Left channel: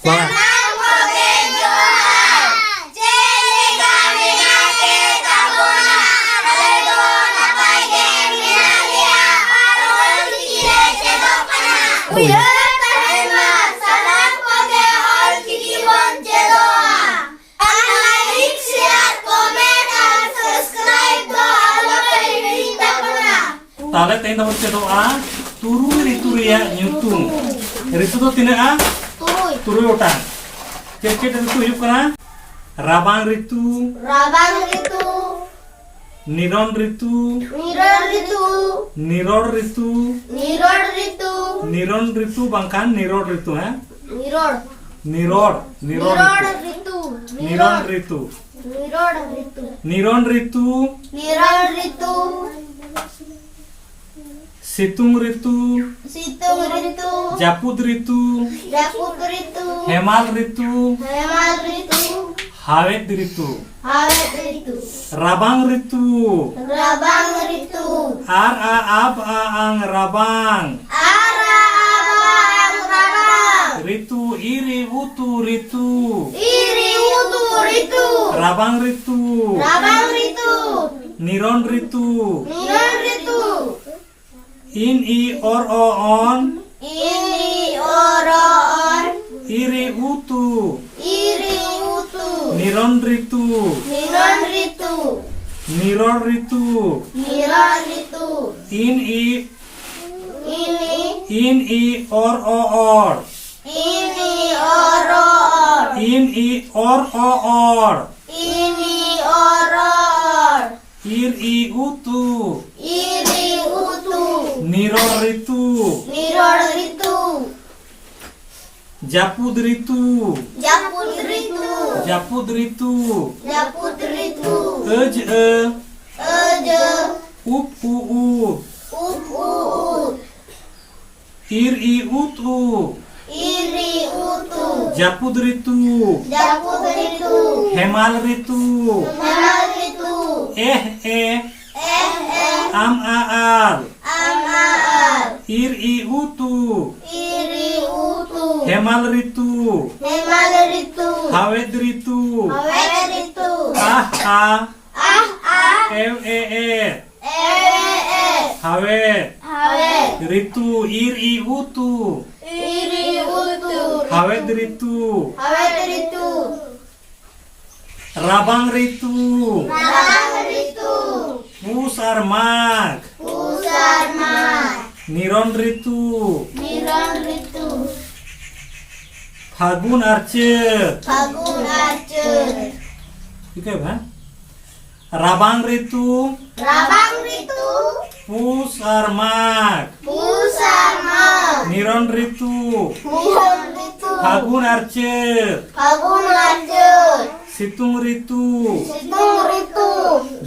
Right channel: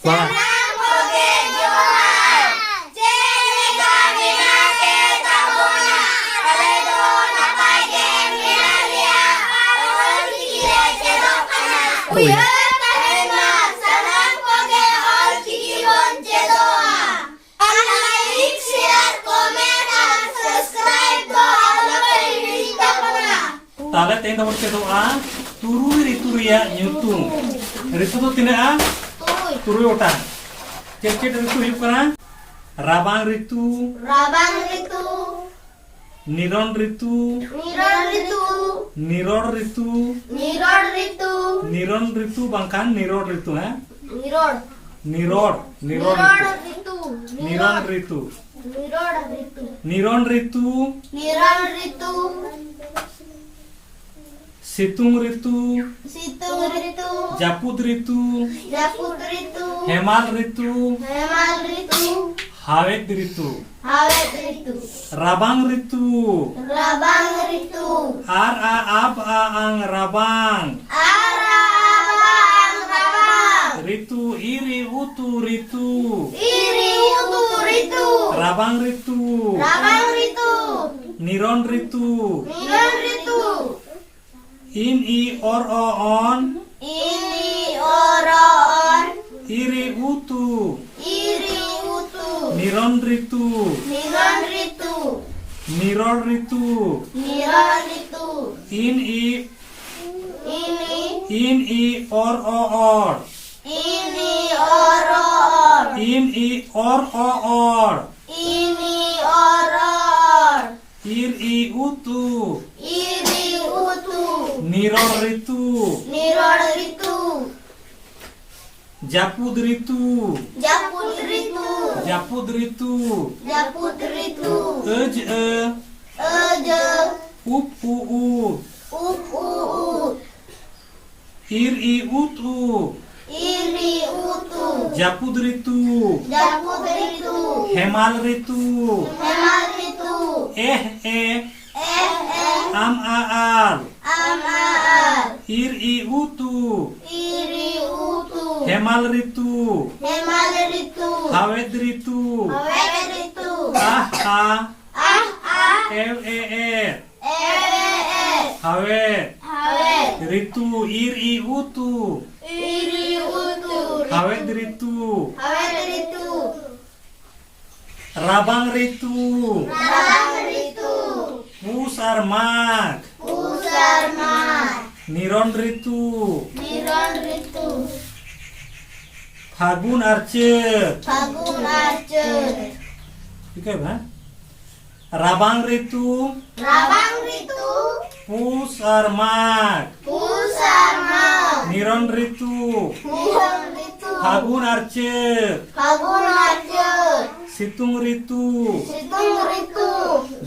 Semangat. Oh iya. Tale teh nomor cedoa turun itu ya nyutung. Ritu tuh tina turun otang. Cek ritu yuk kana. Rabang ritu. Niron ritu. Niror ritu. Niron ritu bangkan niror ritu ha. Niror ritu. Niron ritu. Niron ritu. Situng ritu. Japut ritu. Hemal ritu. Hawet ritu. Rabang ritu. Ar a ab a ang rabang. Ritu iri utu ritu. Rabang ritu. Niron ritu. In i or o on. Iri utu. Niron ritu. Niror ritu. In i or o or. In i or o or. Ir i utu. Niror ritu. Japut ritu. Ej up u. Ir i utu. Japut ritu. Hemal ritu. Am aal. Ir i utu. Hemal ritu. Hawet ritu. Ew Hawet. Ritu ir i utu. Hawet ritu. Rabang ritu. Pusar mak. Niron ritu. Fagun arcet. Oke ba? Rabang ritu. Pusar mak. Niron ritu. Fagun arcet. Situng ritu.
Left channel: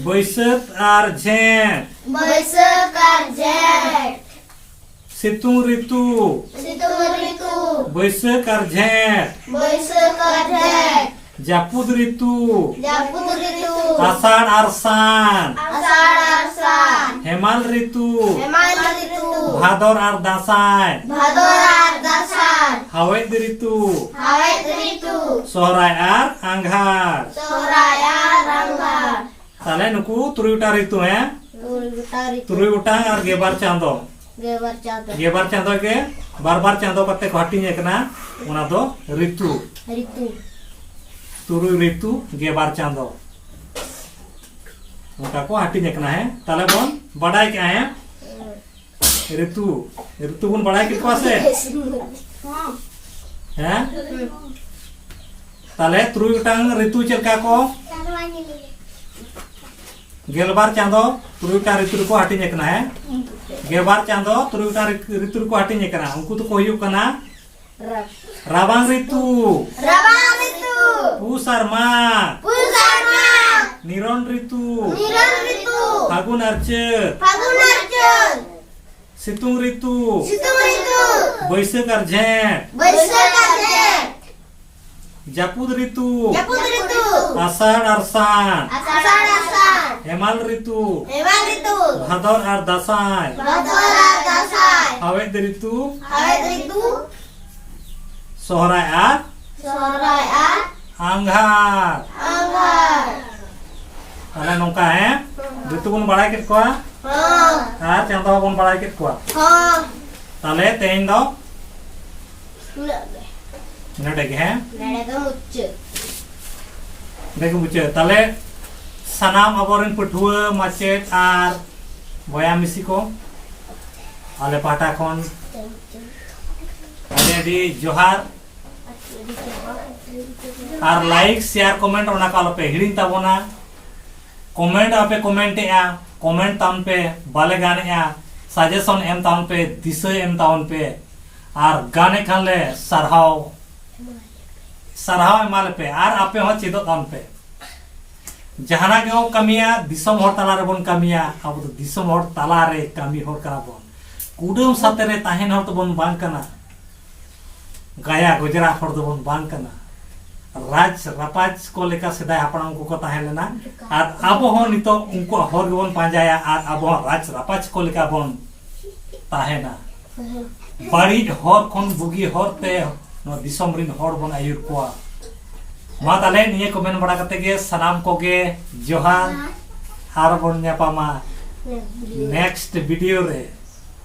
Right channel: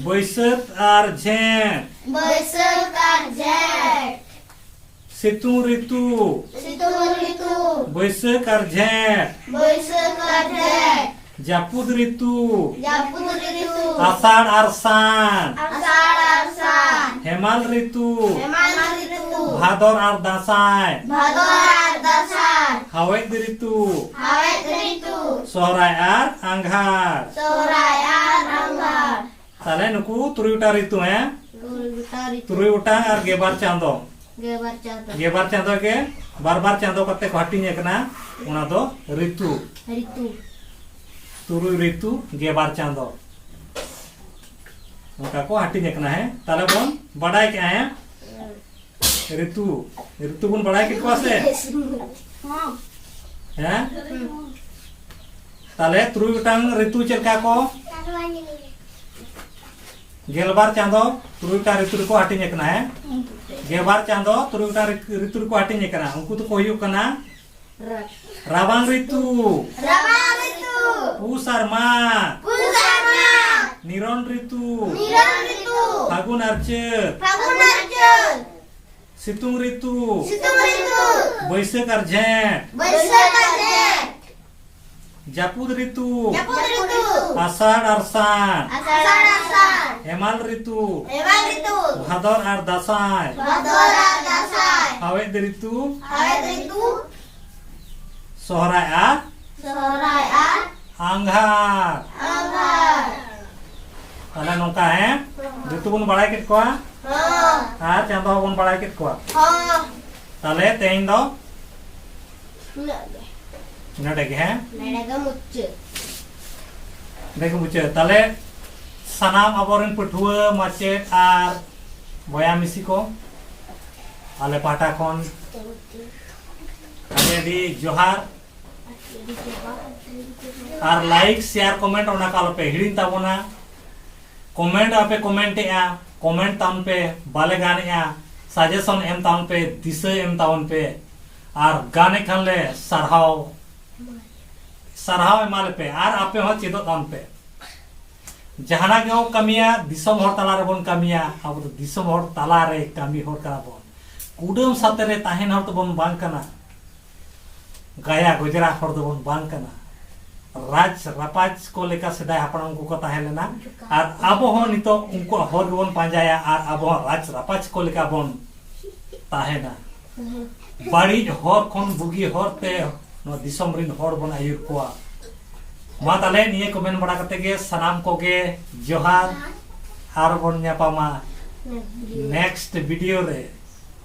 Baisak arjent. Situng ritu. Baisak arjent. Japut ritu. Asar arsan. Hemal ritu. Bhador ar dasai. Hawet ritu. Sohrai ar angghar. Tale nuku turi utar ritu ya. Turi utang ar gebar chando. Gebar chando ke bar chando kate ko hatinya kena una do ritu. Turi ritu gebar chando. Maka ko hatinya kena है tale bon badai क्या है ऋतु bon badai के पास है हैं tale turi utang ritu चलका को गेलबार Chando turi utang ritu को hatinya kena है गेबार Chando turi utang ritu को hatinya kena उनको तो कोई कना rabang ritu. Pusar mak. Niron ritu. Fagun arcet. Situng ritu. Baisak arjent. Japut ritu. Asar arsan. Hemal ritu. Bhador ar dasai. Hawet ritu. Sohrai ar अंगार ताले नोंका है ऋतु बन बड़ा कित को और चांदो बन बड़ा कित को ताले तेन दो नडे के हैं देखो मुझे ताले सनाम अबोरन पठुआ माचेत आर बया मिसी को आले पाटा कोन आले दी जोहार आर लाइक शेयर कमेंट ओना कालो पे हिडिन ताबोना कमेंट आपे कमेंट या कमेंट तान पे बाले गाने या सजेशन एम तान पे दिशा एम तान पे आर गाने खान ले सरहाव एमाले पे आर आपे हो चिदो तान पे जहाना के कमिया दिसम हर तला रे बन कमिया अब तो दिसम हर तला रे कमी हर करा बन कुडम साथे रे ताहेन हर तो बन बांग कना गाया गुजरा हर तो बन बांग कना राज रापाज को लेका सेदाय हापड़ाम को ताहे लेना आर आबो हो नितो उनको हर बन पांजाया आर आबो राज रापाज को लेका बन ताहेना बाड़ी हर खन बुगी हर ते नो दिसम रिन हर बन आयुर कोआ मा ताले निये कमेंट बड़ा करते गे सनाम को गे जोहार आर बन न्यापामा नेक्स्ट वीडियो रे।